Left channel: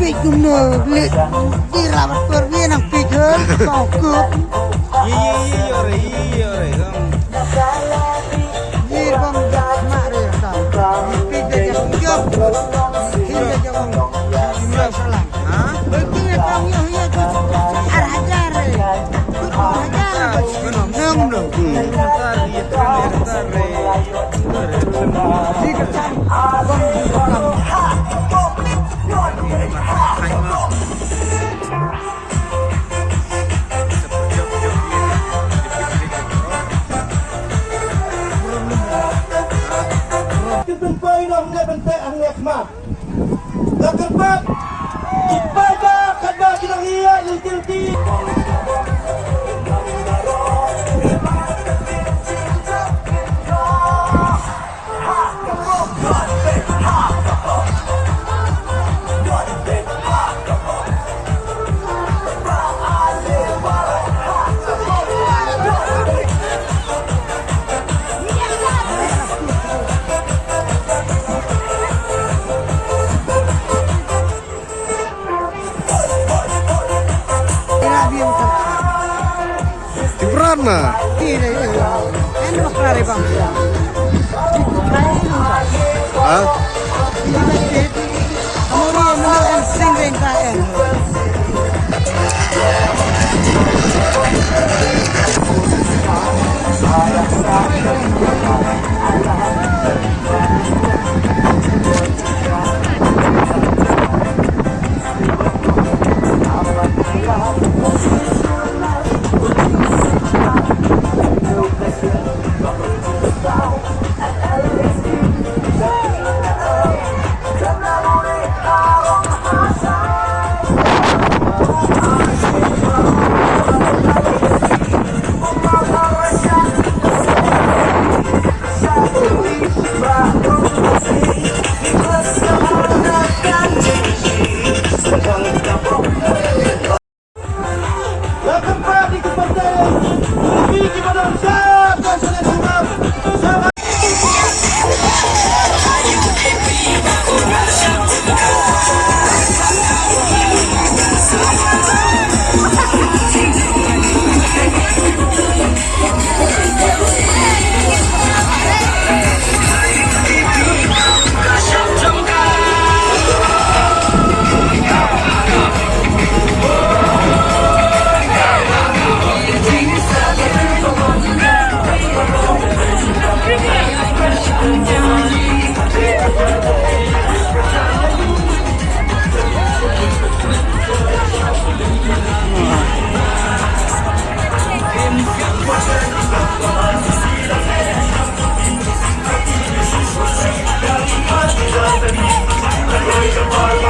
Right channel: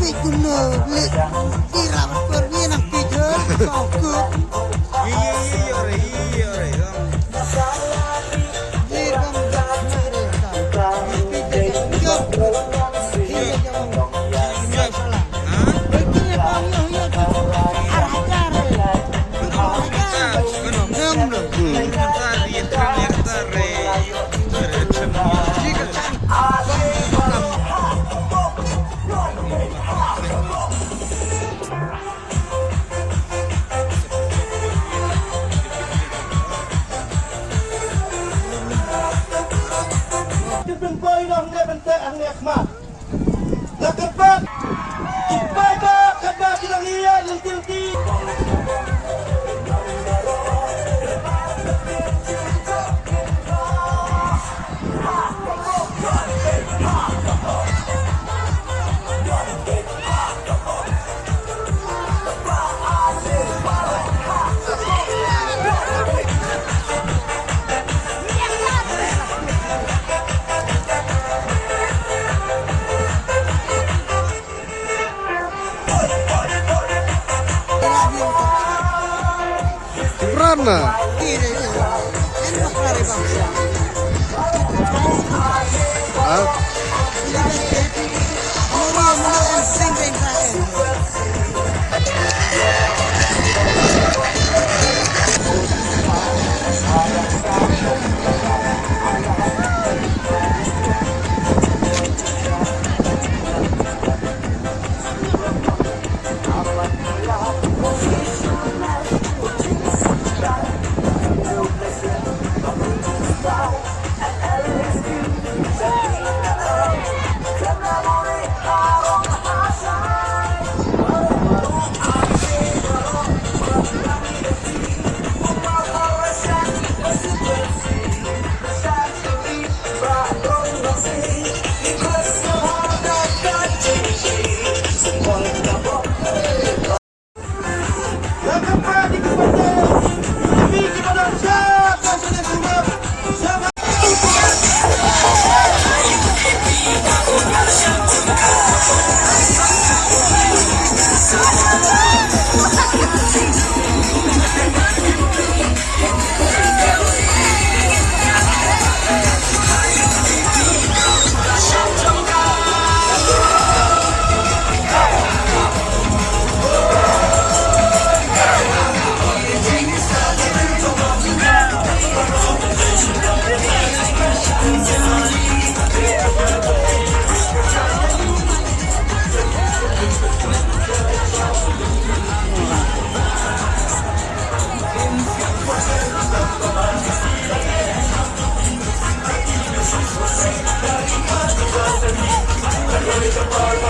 Pig bener, lihat dirawat pergi nang pigel, tongkut. Iya. Iya bang, mak deh kau. Pig dah jauh jauh, hingga jauh. Salah. Hah? Betul ya kau ya tu. Arajar. Arajar. Benar. Di kerjaan abang di dalam. Ditumpay lang niya banta ang yakma. Dakarbat, ipaba kada kinangiya ng tilti. Mana? Ini nak lari bangsa. Hah? Kamu yang sering kaya. Bye.